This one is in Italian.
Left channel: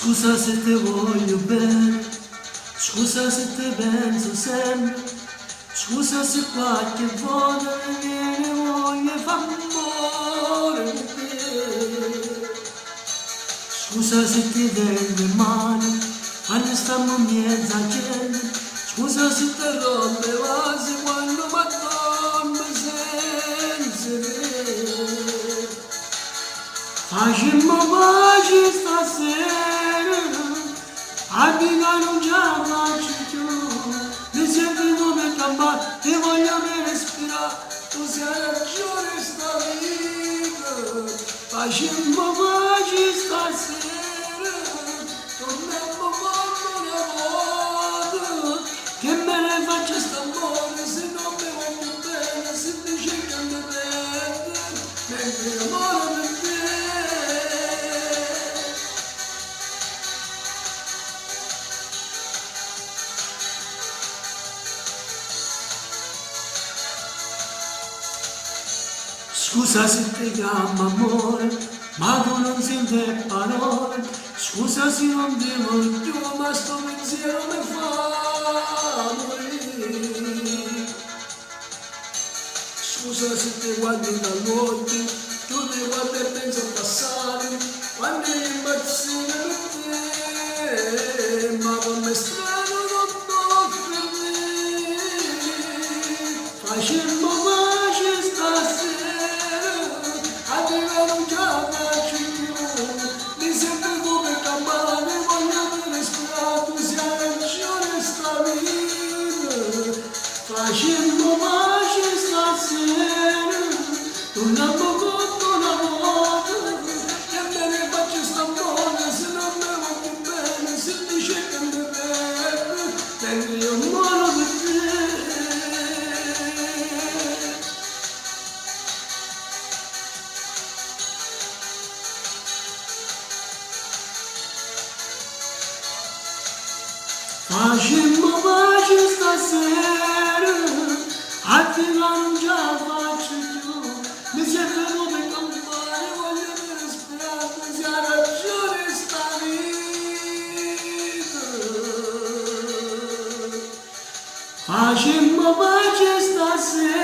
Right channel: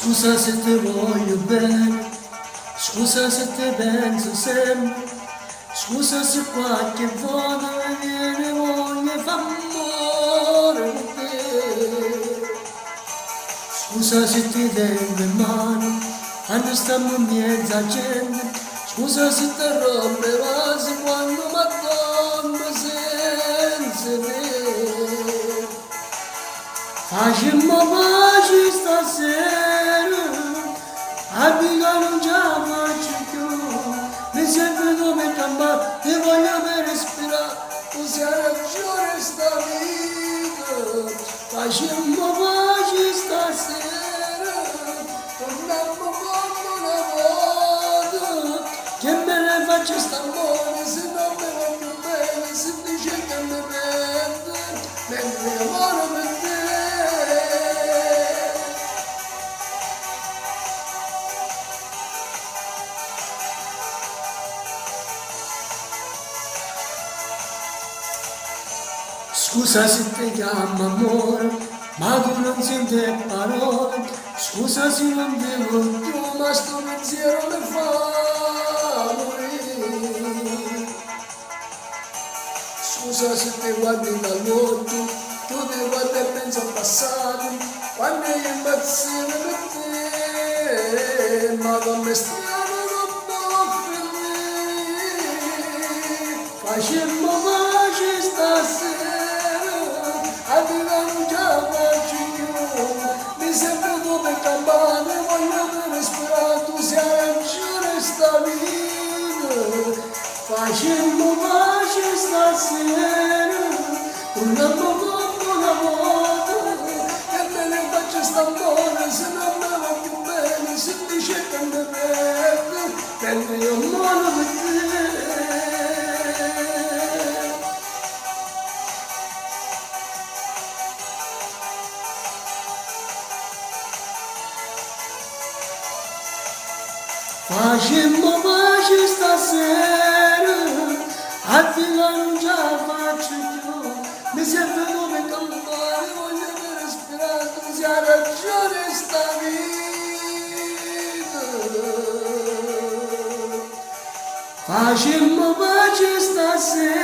Scusa se te voglio bene, scusa se te penso sempre, scusa se qualche volta mi viene voglia e fa amore con te. Scusa se ti tengo in mano, quando stiamo in mezzo a gente, scusa se ti rompe vasi quando m'addormo senza te. Facemmo pace stasera, amica non ce la faccio più, mi sento come campare, ti voglio per respirare, tu sei ragione sta vita. Facemmo pace stasera, torniamo come una volta, che me ne faccio sta buona se non mi voglio bene, se dice che mi perde, mentre amore per te. Scusa se ti chiamo amore, ma tu non senti parole. Scusa se non ti voglio, ma sto pensiero mi fa morire. Scusa se ti guardi dall'occhio, tu ti guardi e pensi al passato, quando io impazzino per te, ma come strano non posso fermare. Facemmo pace stasera, non ce la faccio più, mi sento come campane, voglio bene sperare, tu sei ragione sta vita. Facemmo pace stasera, torniamo come una volta, che me ne faccio sta buona, se non me voglio bene, se dice che mi perde, mentre io muoio per te. Facemmo pace stasera, attiva non ce la faccio più, mi sento come campare, voglio per respirare, tu sei ragione sta vita. Facemmo pace stasera.